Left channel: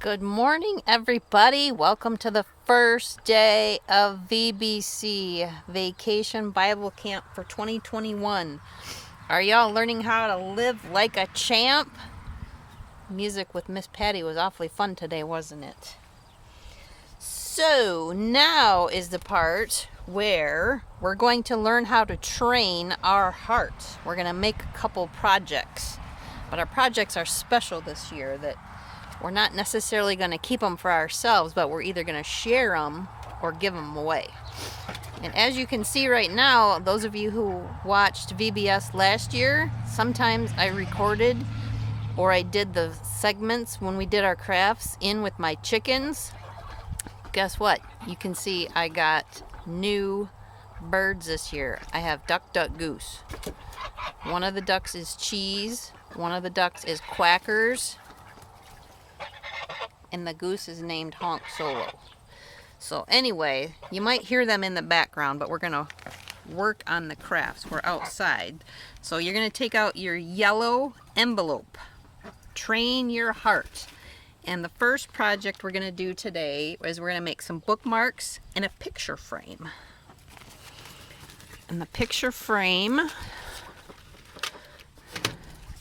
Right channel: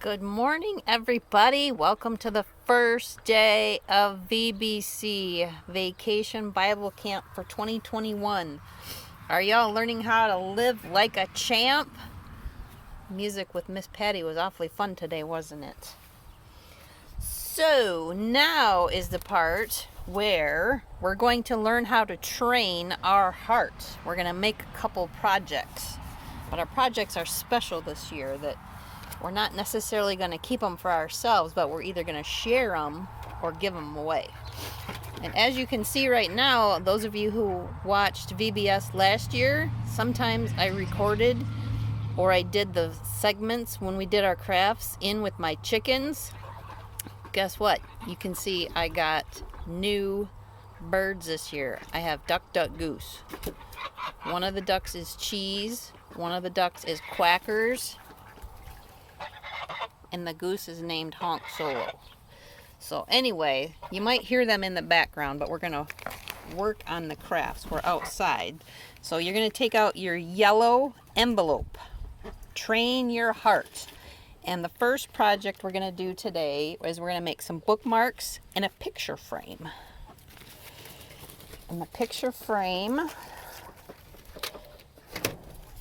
Good morning, everybody. Welcome to the first day of VBC, Vacation Bible Camp for 2021. Are y'all learning how to live like a champ? Music with Miss Patty was awfully fun today, wasn't it? So now is the part where we're going to learn how to train our heart. We're going to make a couple projects, but our projects are special this year that we're not necessarily going to keep them for ourselves, but we're either going to share them or give them away. And as you can see right now, those of you who watched VBS last year, sometimes I recorded or I did the segments when we did our crafts in with my chickens. Guess what? You can see I got new birds this year. I have duck, duck, goose. One of the ducks is cheese. One of the ducks is quackers. And the goose is named Honk Solo. So anyway, you might hear them in the background, but we're going to work on the crafts. We're outside. So you're going to take out your yellow envelope. Train your heart. And the first project we're going to do today is we're going to make some bookmarks and a picture frame. And the picture frame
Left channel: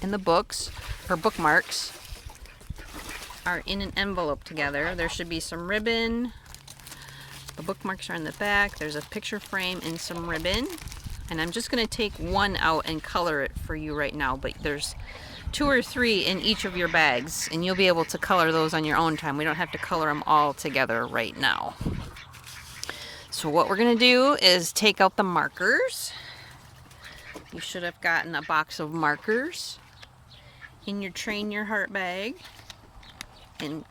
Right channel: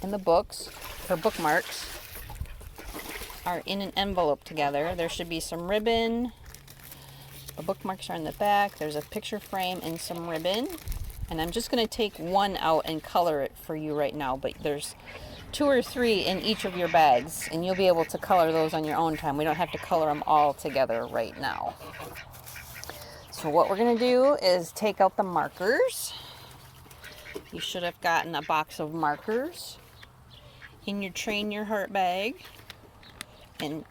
and the books, or bookmarks, are in an envelope together. There should be some ribbon. The bookmarks are in the back. There's a picture frame and some ribbon. And I'm just going to take one out and color it for you right now. But there's 2 or 3 in each of your bags. And you'll be able to color those on your own time. We don't have to color them all together right now. So what we're going to do is take out the markers. You should have gotten a box of markers in your Train Your Heart bag. And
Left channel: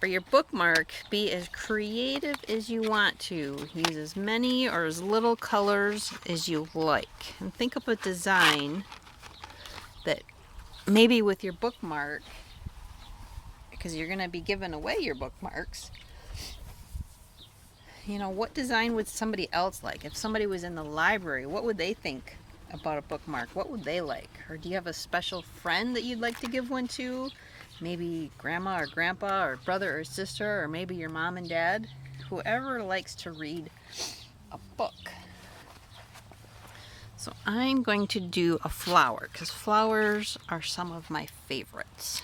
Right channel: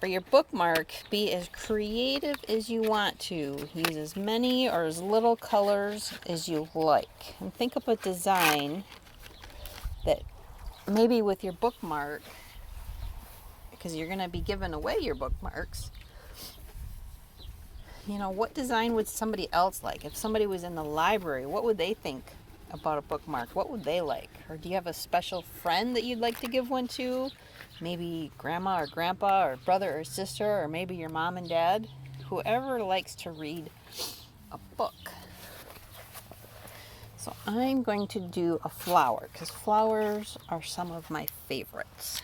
for your bookmark, be as creative as you want to. Use as many or as little colors as you like. And think of a design that maybe with your bookmark, because you're going to be giving away your bookmarks, you know, what design would somebody else like? If somebody was in the library, what would they think about a bookmark? What would they like? Or do you have a special friend that you'd like to give one to? Maybe grandma or grandpa or brother or sister, or maybe your mom and dad, whoever likes to read a book. So I'm going to do a flower because flowers are some of my favorites.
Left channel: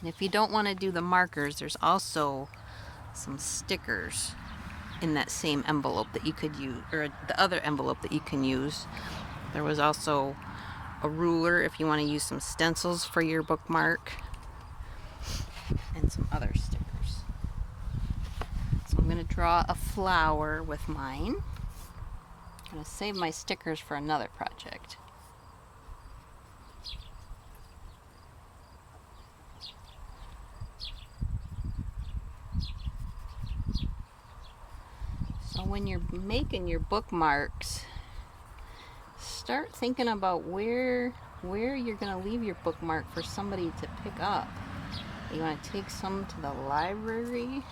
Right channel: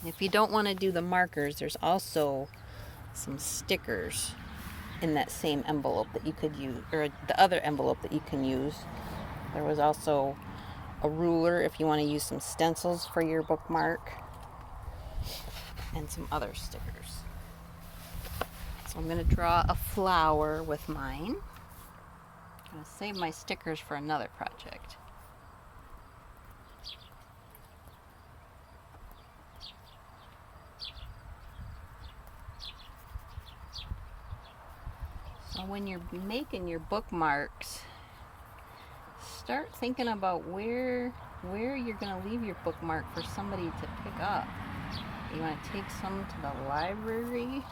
And if you don't want to do the markers, there's also some stickers in that same envelope that you could use, or the other envelope that you can use. There was also a ruler if you want to use some stencils for your bookmark, and some other stickers. So I'm going to draw a flower with mine. I'm going to save my stickers for another project. So when you're making your bookmarks, start thinking about where you're going to leave your bookmark for somebody to pick up. You want to take some to the library?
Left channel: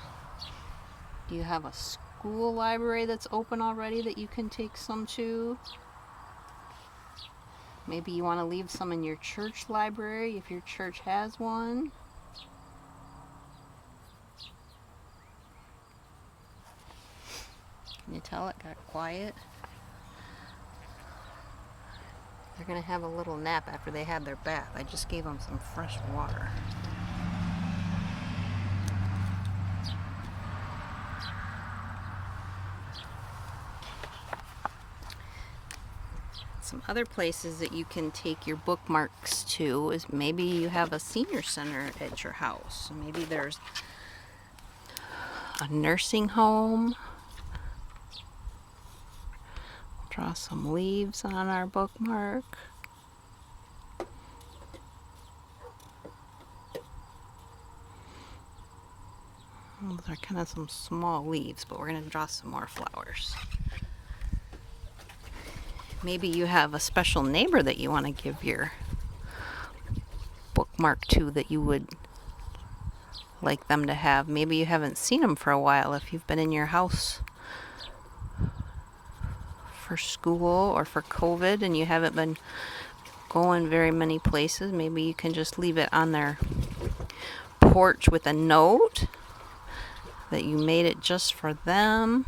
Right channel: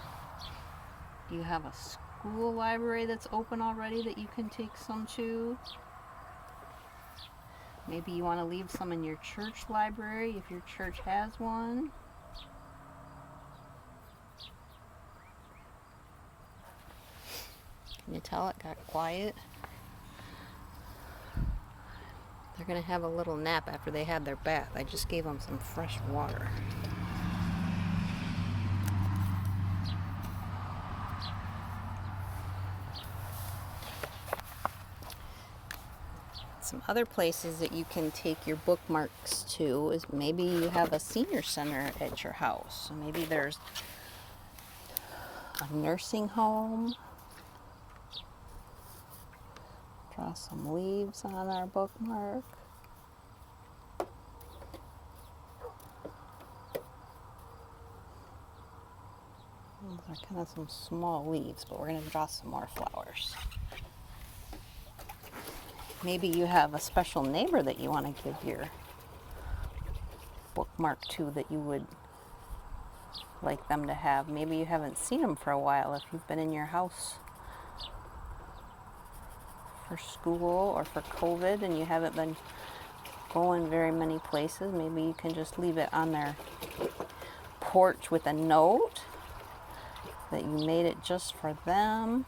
Do you have a school library that's open already that you can take some to? Maybe you want to leave some in your church library if your church has one. Can you tell it got quiet? They're going to have a little nap after they had their bath. I just gave them some fresh water. Some other places that you can take your bookmarks to is maybe you have a senior center at your house. Maybe there's a nursing home. Draw some leaves on our bookmark. Those are kind of some small leaves, but we're going to draw some more flowers. Maybe you have a special neighbor that you want to give your bookmark to that you would like them to have. Maybe you haven't seen them for a while if you've been in your house for school or for COVID and you haven't been going very many places. Maybe you can just leave it on their porch with a note that you made it just for them.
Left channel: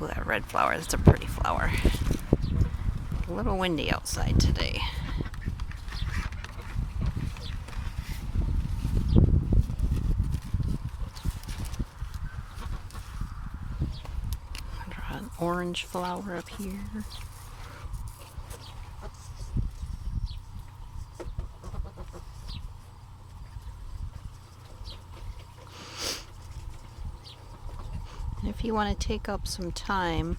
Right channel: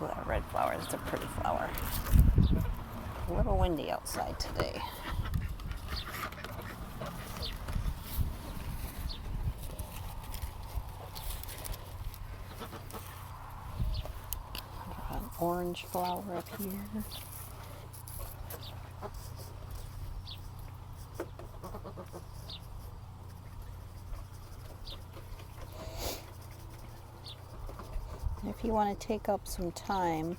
Oh, that red flower, that's a pretty flower. A little windy outside today. An orange flower up here. If you want to take up some time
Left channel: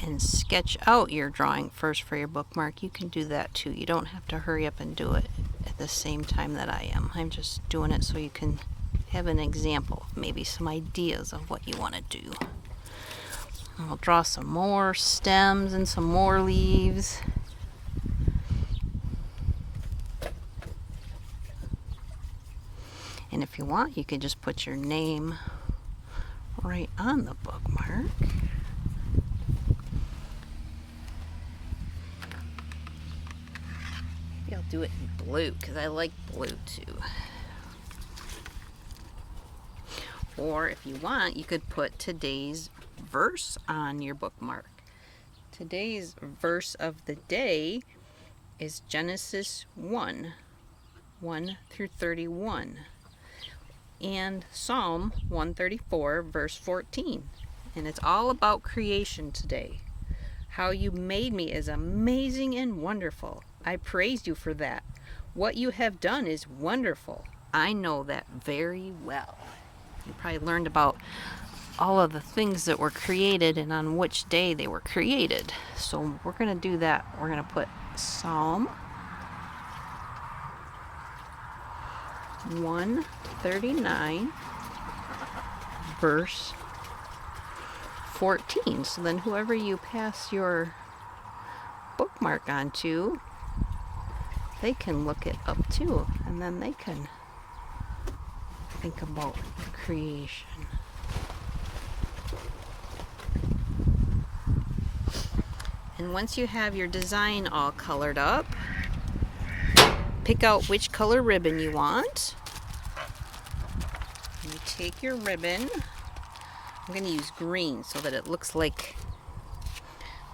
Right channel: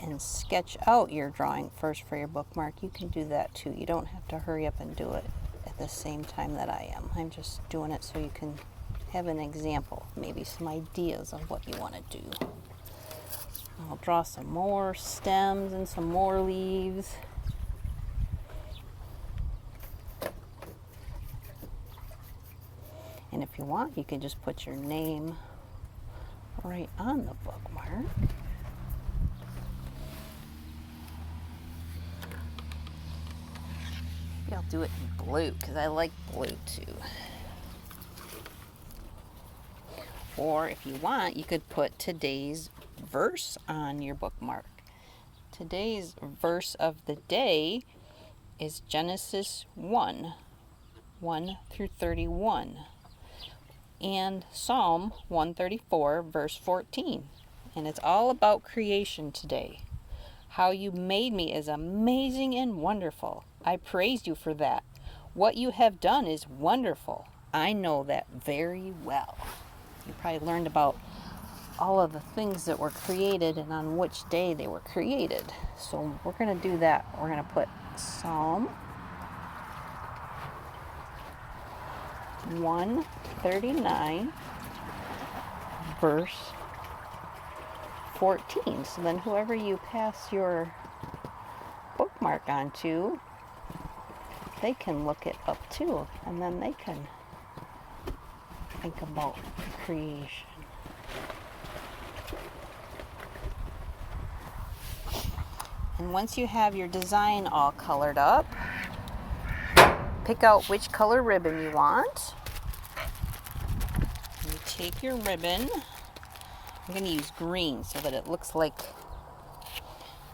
and sketch out your drawing first for your bookmark, you can do that too. You don't have to hurry up and do it at the same time that I am. I'm just doing it so you can have an example, maybe some ideas of what you want to do. I'll draw some more stems and some more leaves. And if you want, you can just put your name right on the bookmark. Maybe I'll do it in blue because I like blue too. Or if you want, you could put today's verse on your bookmark. Today's verse of the day is Genesis 1 through 31. And Psalm 134, verse 14. And it's all about creation today. How you made me is amazing and wonderful. I praise you for that. What you have done is wonderful. I know that very well. You probably learned about all of the things that were created and on which day they were created. So we're going to do that. We're going to put Psalm 139, verse 14. So then whoever you pass your bookmark on to, they can look it up too, and then they can think about creation. And once you have your design all colored up, pick out which color ribbon you want. And you take your ribbon. I'm going to use green so that it looks like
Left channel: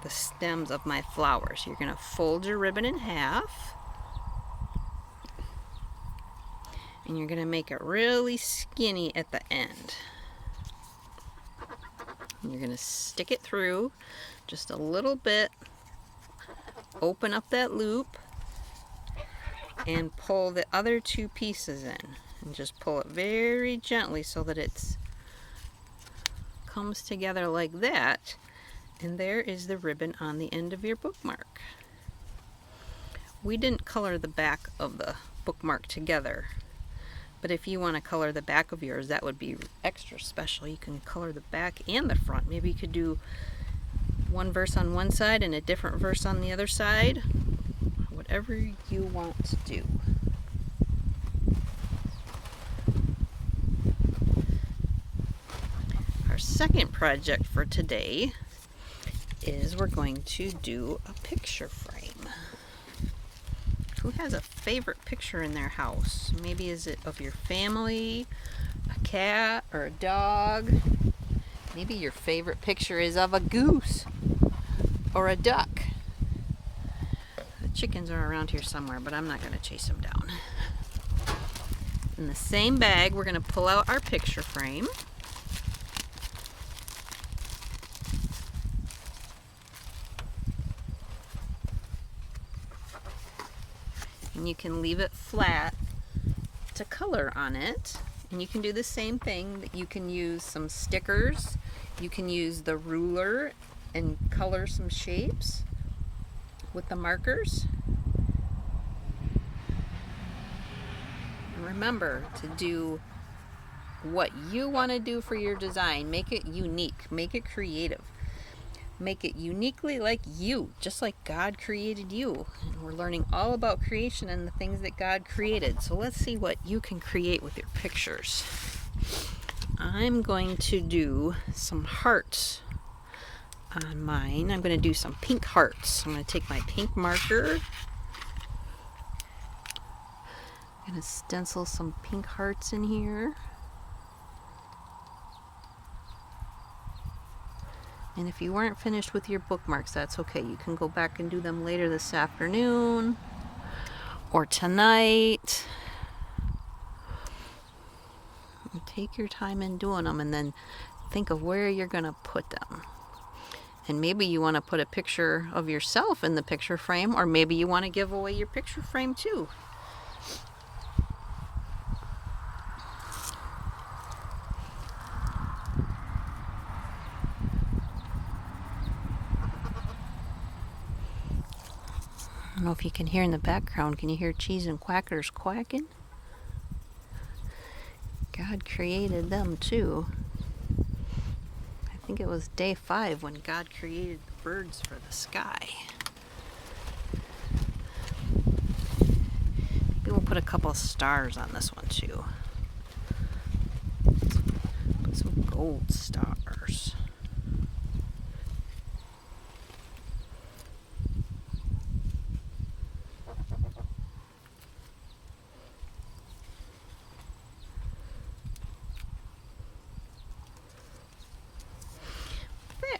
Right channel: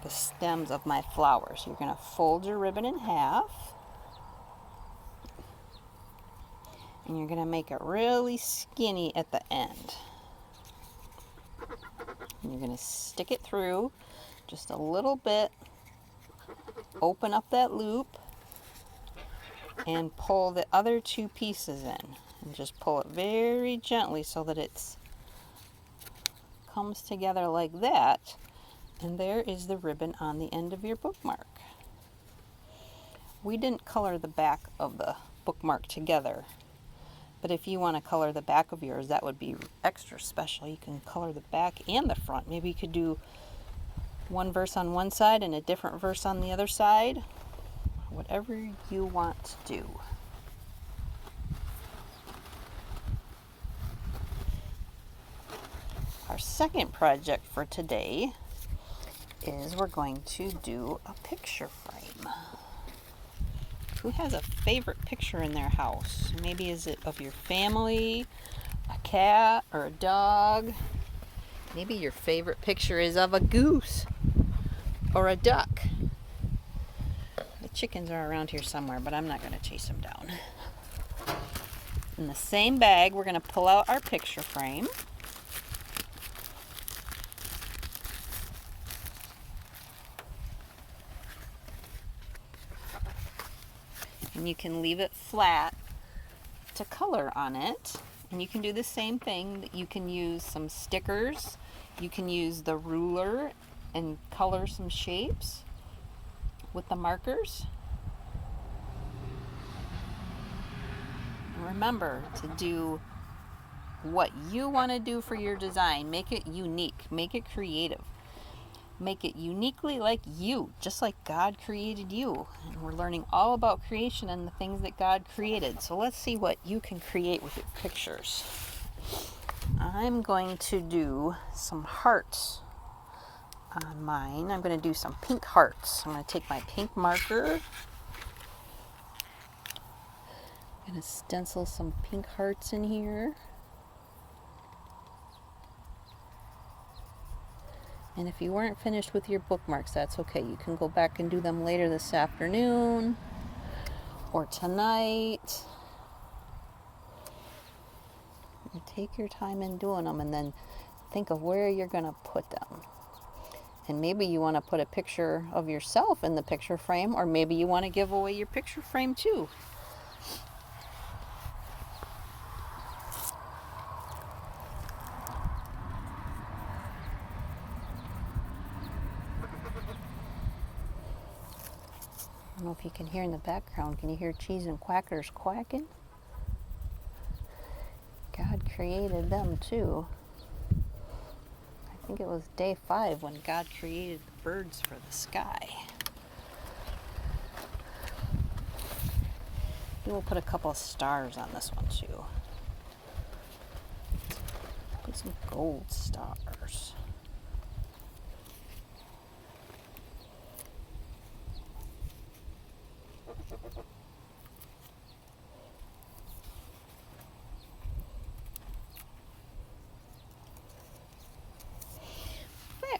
the stems of my flowers. You're going to fold your ribbon in half. And you're going to make it really skinny at the end. And you're going to stick it through just a little bit. Open up that loop. And pull the other two pieces in. And just pull it very gently so that it comes together like that. And there is the ribbon on the end of your bookmark. We didn't color the back of the bookmark together. But if you want to color the back of yours, that would be extra special. You can color the back and the front. Maybe you could do one verse on one side and a different verse on the other side. Whatever you want to do. Our second project for today is we're going to do a picture frame. Who has a favorite picture in their house? Maybe is it of your family, a cat, or a dog? Maybe your favorite picture is of a goose or a duck. The chickens are around here somewhere, but I'm not going to chase them down. In the same bag, we're going to pull out our picture frame. And you can leave it flat to color on it. And you can do the same thing. You can use some stickers. You can use the ruler and color some shapes with the markers. And remember to do what you want to do for your design. Make it unique. Make it creative. Make it uniquely like you, just like God created you. And we're learning all about creation and the things that God created. So let's see what you can create with your pictures. I'm going to do some hearts on mine. I'm going to do some pink hearts. I'm going to take my pink marker. I'm going to stencil some pink hearts in here. And if you weren't finished with your bookmarks, that's okay. You can go back and do them later this afternoon or tonight. You take your time in doing them and then think of where you're going to put them. And maybe you want to put a picture of yourself in the picture frame, or maybe you want to give away your picture frame too. I don't know if you can hear in the background. Can you hear cheese and quackers quacking? God created them too. I think it was day 5 when God created the birds for the sky. Maybe we'll put a couple stars on this one too. Put some gold stars.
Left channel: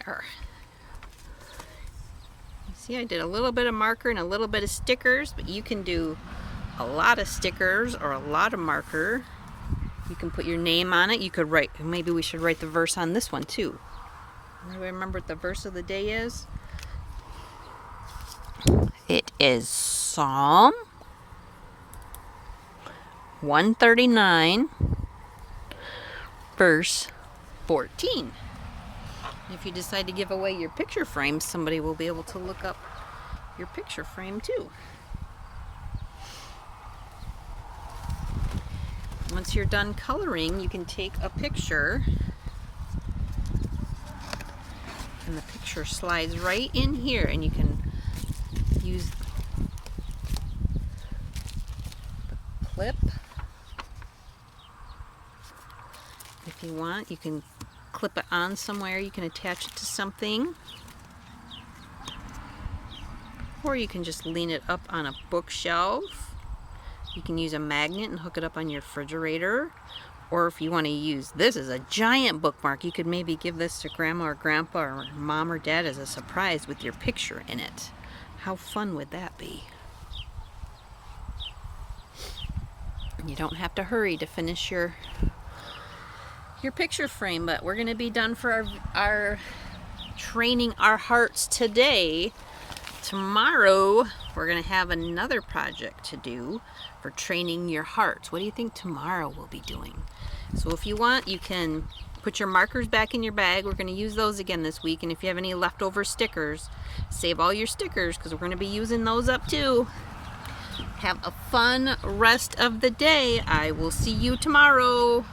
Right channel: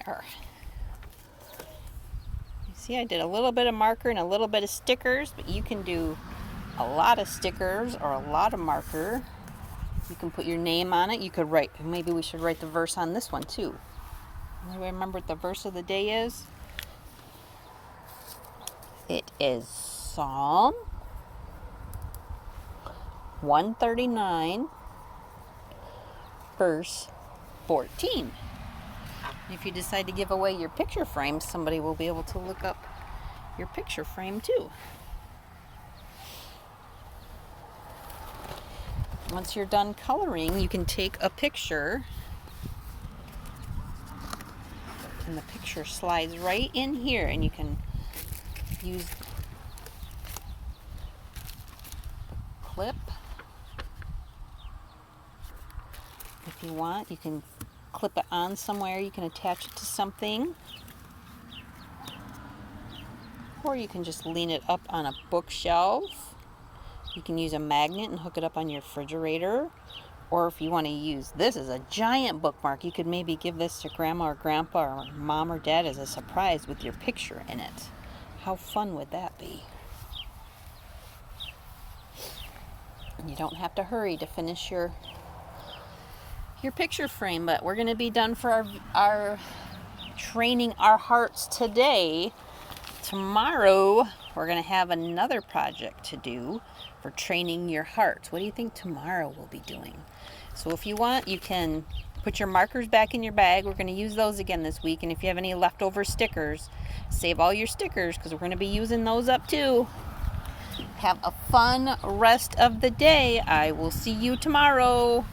There. You see, I did a little bit of marker and a little bit of stickers, but you can do a lot of stickers or a lot of marker. You can put your name on it. You could write, maybe we should write the verse on this one too. Remember what the verse of the day is? It is Psalm 139, verse 14. If you decide to give away your picture frame, somebody will be able to look up your picture frame too. Once you're done coloring, you can take a picture, and the picture slides right in here, and you can use the clip if you want. You can clip it on somewhere. You can attach it to something, or you can just lean it up on a bookshelf. You can use a magnet and hook it up on your refrigerator, or if you want to use this as a giant bookmark, you could maybe give this to grandma or grandpa or mom or dad as a surprise with your picture in it. How fun would that be? You don't have to hurry to finish your picture frame, but we're going to be done for our training our hearts today. Tomorrow we're going to have another project to do for training your hearts. What do you think tomorrow we'll be doing? So if you want, you can put your markers back in your bag. We're going to use those again this week, and if you have any leftover stickers, save all your stickers because we're going to be using those up too. Have a fun rest of the day. I will see you tomorrow.